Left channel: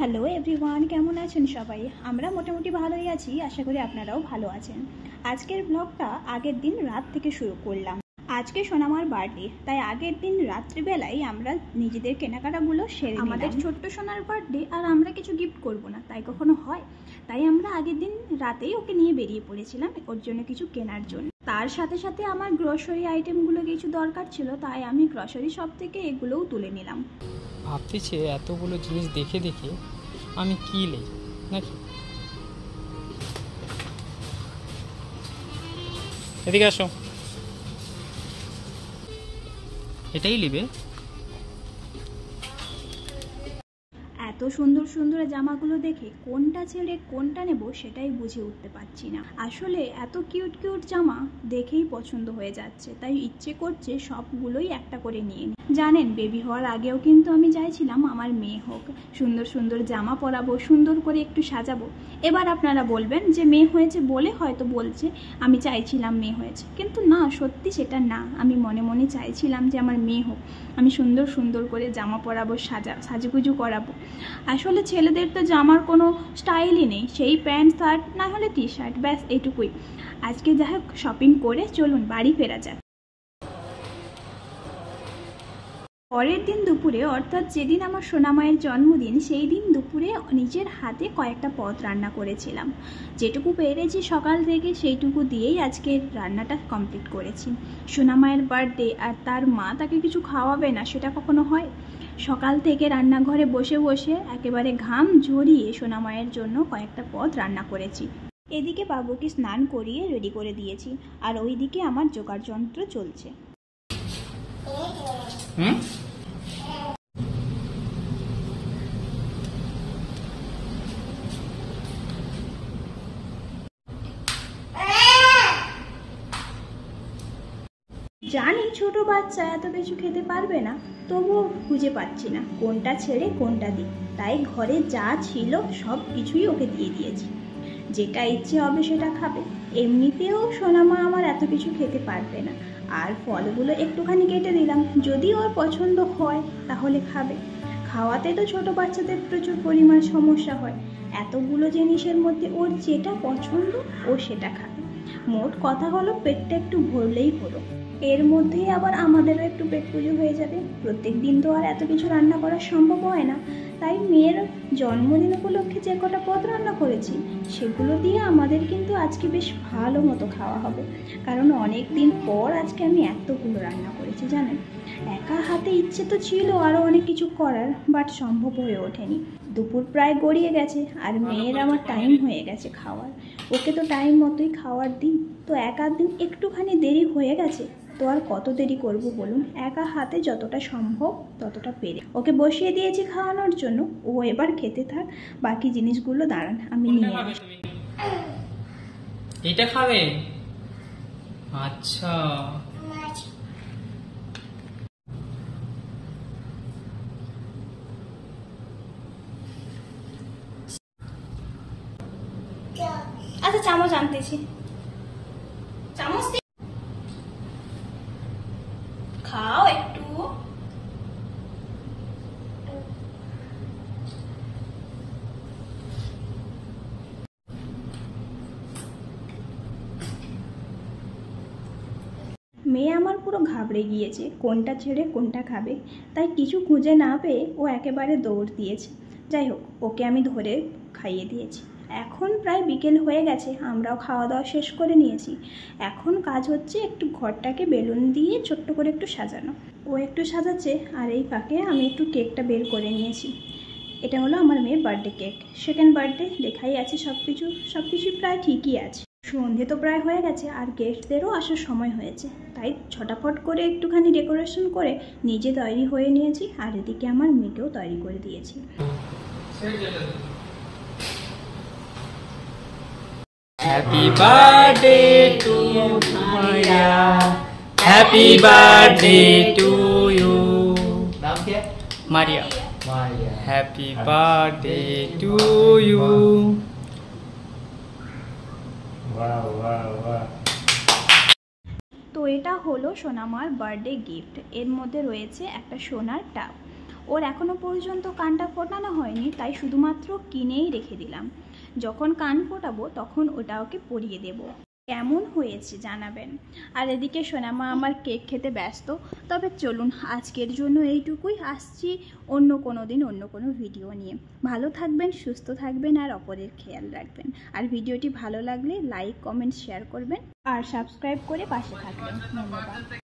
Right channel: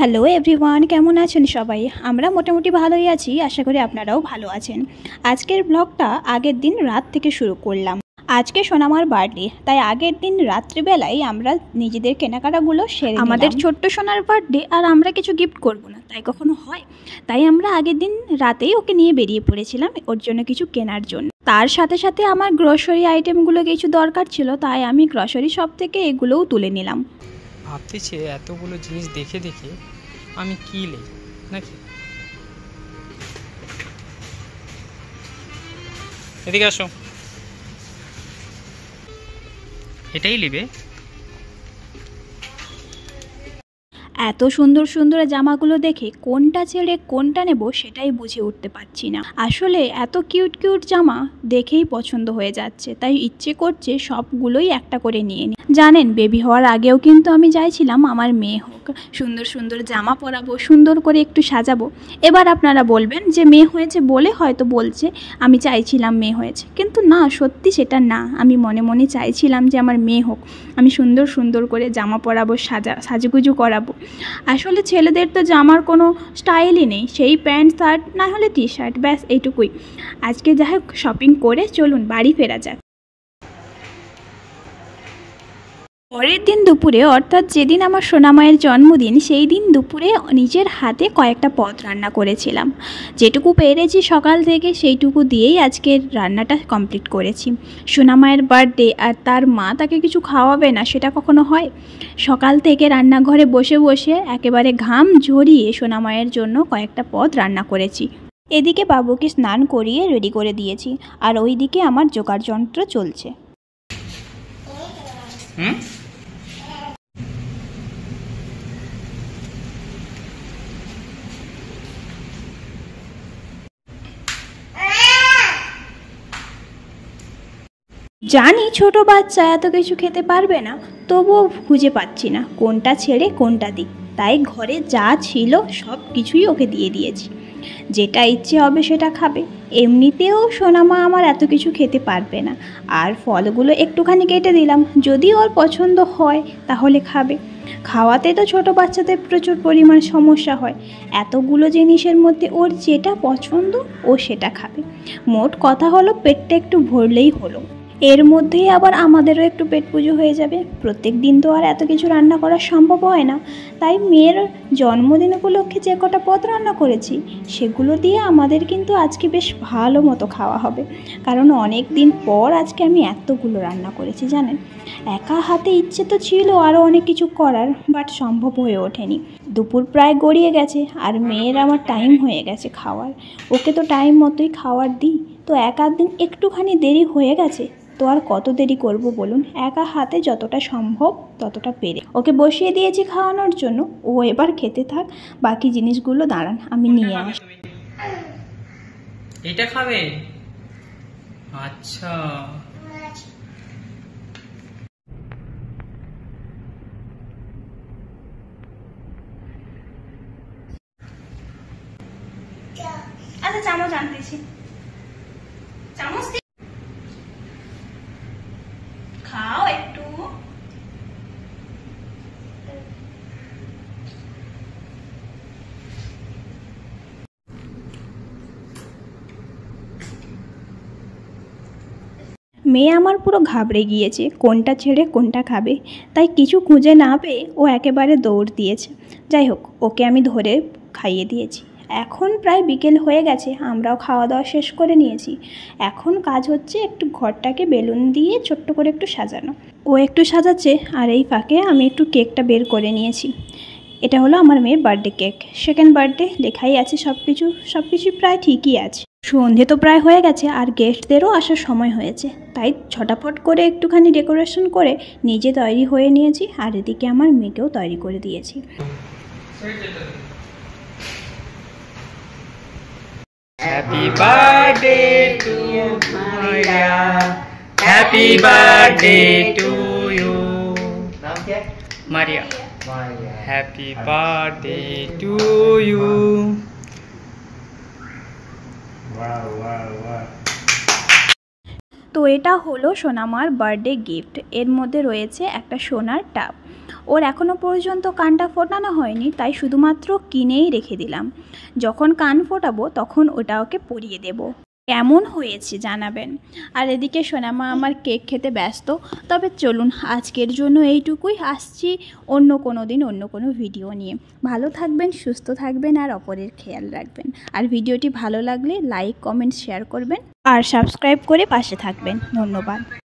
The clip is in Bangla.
হ্যালো এভরিওয়ান, কেমন আছেন সবাই? আমরা মোটামুটি ভালোই আছি, আশা করি আপনারাও ভালো আছেন। আজকের ব্লগটা আগের দিন রাত থেকে শুরু করলাম। আজকে সোনামার বার্থডে, তাই আগের দিন রাত্রিবেলায় আমরা নিজেদের কেনাকাটাগুলো সেরে আমাদের ছোট্ট সোনার বার্থডে, আর আমরা কিছু গিফট করব না, তাই কখনো হয়? তাই আমরা আগের দিন রাতেই ওকে নিয়ে বেরিয়ে পড়েছিলাম ওর জন্য কিছু কেনার জন্য। তার সাথে সাথে আমার গ্রসারি আইটেমগুলো কিছু দরকার ছিল, তাই আমি গ্রসারি শপ থেকে এগুলোও তুলে নিলাম। ভাবতেছে এতগুলো জিনিস দেখে দেখে আমি কি নেই নাকি। এদিকে আসো, এটাই নেবে? এত সুন্দর সুন্দর জামাগুলো দেখে কোনটা ছেড়ে কোনটা নেব সেটাই বুঝে উঠতে পারছি না। আসলে এত কিউট কিউট জামা দেখেই পছন্দ হয়ে যাচ্ছে, তাই ইচ্ছে করছে সবগুলোই একটা করে নিয়ে নিই। জানেন, বেবি হওয়ার আগেও কিন্তু আমি চাইছিলাম আমার মেয়ে হোক, সুন্দর সুন্দর জামা পরাবো, সুন্দর করে একটু সাজাবো। এবার আপনারা বলবেন যে মেয়ে হয়েছে বলে হয়তো বলছে আমি চাইছিলাম মেয়ে হয়েছে, কিন্তু না, সত্যি সেটা না। আমি মনে মনে চাইছিলাম যে আমার মেয়ে হোক, আমি সুন্দর সুন্দর করে জামা পরাবো, সাজুগুজু করাবো। আসলে ছেলেদের তো জামার কোনো স্টাইলই নেই, সেই প্যান্ট শার্ট না হলে টি শার্ট, ব্যাস এইটুকুই। আজকে যাই হোক শপিং করে চলুন বাড়ি ফেরা যাক। পরের দিন দুপুরে, অর্থাৎ যেদিন আমার সোনামায়ের জন্মদিন, সেই দিন দুপুরে নিজের হাতে কয়েকটা পদ রান্না করেছিলাম। যেটুকু পেরেছি সকাল থেকে সেইটুকু দিয়েই আজকের রান্নাটা কমপ্লিট করেছি। সোনামায়ের বার্থডে আর তার মা তাকে কিছু খাওয়াবে না, সেটা কখনো হয়? সকাল থেকে রান্নাঘরে বসে বসে একেবারে ঘাম ঝরিয়ে সোনামায়ের জন্য কয়েকটা পদ রান্না করেছি। এদিকে বাবুকে স্নান করিয়ে রেডি করে দিয়েছি, আর ওইদিকে আমার জোগাড় যন্ত্র চলছে। জানি ছোট বাচ্চা এত কিছু খেতে পারবে না, তবুও খুঁজে পাচ্ছি না কোনটা ছেড়ে কোনটা দিই। তাই ঘরে যা ছিল সব কিছুই ওকে দিয়ে দিয়েছি, যেটা ইচ্ছে হবে সেটা খাবে। এমনিতেও সোনামা আমার এত কিছু খেতে পারবে না, আর ফলগুলো একটুখানি কেটে দিলাম, যদি ওর পছন্দ হয় তাহলে খাবে। খাওয়াতে তো ছোট বাচ্চাদের প্রচুর পরিমাণ সমস্যা হয়, এতগুলো জিনিসের মধ্যে ওর যেটা পছন্দ ও সেটা খাবে। মোট কথা হলো পেটটা একটু ভরলেই হলো। এর মধ্যেই আবার আমাদেরও একটু পেট পুজো হয়ে যাবে। প্রত্যেক দিন তো আর এত কিছু রান্না করা সম্ভব হয় না, তাই মেয়ের জন্মদিন উপলক্ষে যে কটা পদ রান্না করেছি সেগুলো দিয়ে আমাদের কিন্তু আজকে বেশ ভালো মতো খাওয়া হবে। কারণ অনেক দিন পর আজকে আমি এতগুলো রান্না করেছি জানেন। একা হাতে ইচ্ছে তো ছিল আরও অনেক কিছু করার, বাট সম্ভব হয়ে ওঠেনি। দুপুর প্রায় গড়িয়ে গেছে, আর মেয়ের আমার টাইম হয়ে গেছে খাওয়ার। ওকে তো টাইম মতোই খাওয়ার দিই, তো এক আধ দিন একটুখানি দেরি হয়ে গেছে, তো আর কত দেরি করব বলুন? একা হাতে যতটা সম্ভব ততটা পেরে ওকে বসিয়ে দিয়েছি খাওয়ানোর জন্য। ও এবার খেতে থাক, বাকি জিনিসগুলো দাঁড়ান আমি নিয়ে আসি। এটা খাবে? আচ্ছা, আচ্ছা চামচ আনতেছি, চামচ খাও একটু। মেয়ে আমার পুরো ঘাবড়ে গিয়েছে কোনটা ছেড়ে কোনটা খাবে, তাই কিছু খুঁজে না পেয়ে ও একেবারে দৌড় দিয়েছে। যাই হোক, ওকে আমি ধরে খাইয়ে দিয়েছি। এখন প্রায় বিকেল হয়ে গেছে, আমরাও খাওয়া দাওয়া শেষ করে নিয়েছি। এখন কাজ হচ্ছে একটু ঘরটাকে বেলুন দিয়ে ছোট্ট করে একটু সাজানো। ও একটু সাজাচ্ছে, আর এই ফাঁকে আমি একটু কেকটা বের করে নিয়েছি। এটা হলো আমার মেয়ের বার্থডে কেক, সেকেন্ড বার্থডে লেখাই আছে, সব কিছুই প্রায় ঠিকই আছে। সন্ধে তো প্রায় হয়ে গেছে, আর গেস্টদেরও আসার সময় হয়েছে, তাই ছটাফট করে একটুখানি ডেকোরেশন করে নিজে তৈরি হয়ে নিয়েছি, আর এদিকে আমার মেয়েকেও তৈরি করে দিয়েছি। Happy birthday to Maria, happy birthday to you. নাম क्या? Maria. Happy birthday to you. তো এটা হলো সোনামার বার্থডে গিফট। এর মধ্যে রয়েছে একটা সোনার টাব। ওর এখনও পর্যন্ত কানটা ফোটানো হয়নি, তাই শুধুমাত্র কিনেই রেখে দিলাম। যখন কান ফোটাবো তখন ওটা ওকে পরিয়ে দেব। কেমন হয়েছে জানাবেন। আর এদিকে সোনামা আমার কেক খেতে ব্যস্ত। তবে চলুন আজকের জন্য এইটুকুই, আসছি অন্য কোনো দিন অন্য কোনো ভিডিও নিয়ে। ভালো থাকবেন, সুস্থ থাকবেন আর অপরের খেয়াল রাখবেন। আর ভিডিওটি ভালো লাগলে লাইক, কমেন্ট, শেয়ার করবেন আর সাবস্ক্রাইব করে পাশে থাকবেন। ধন্যবাদ।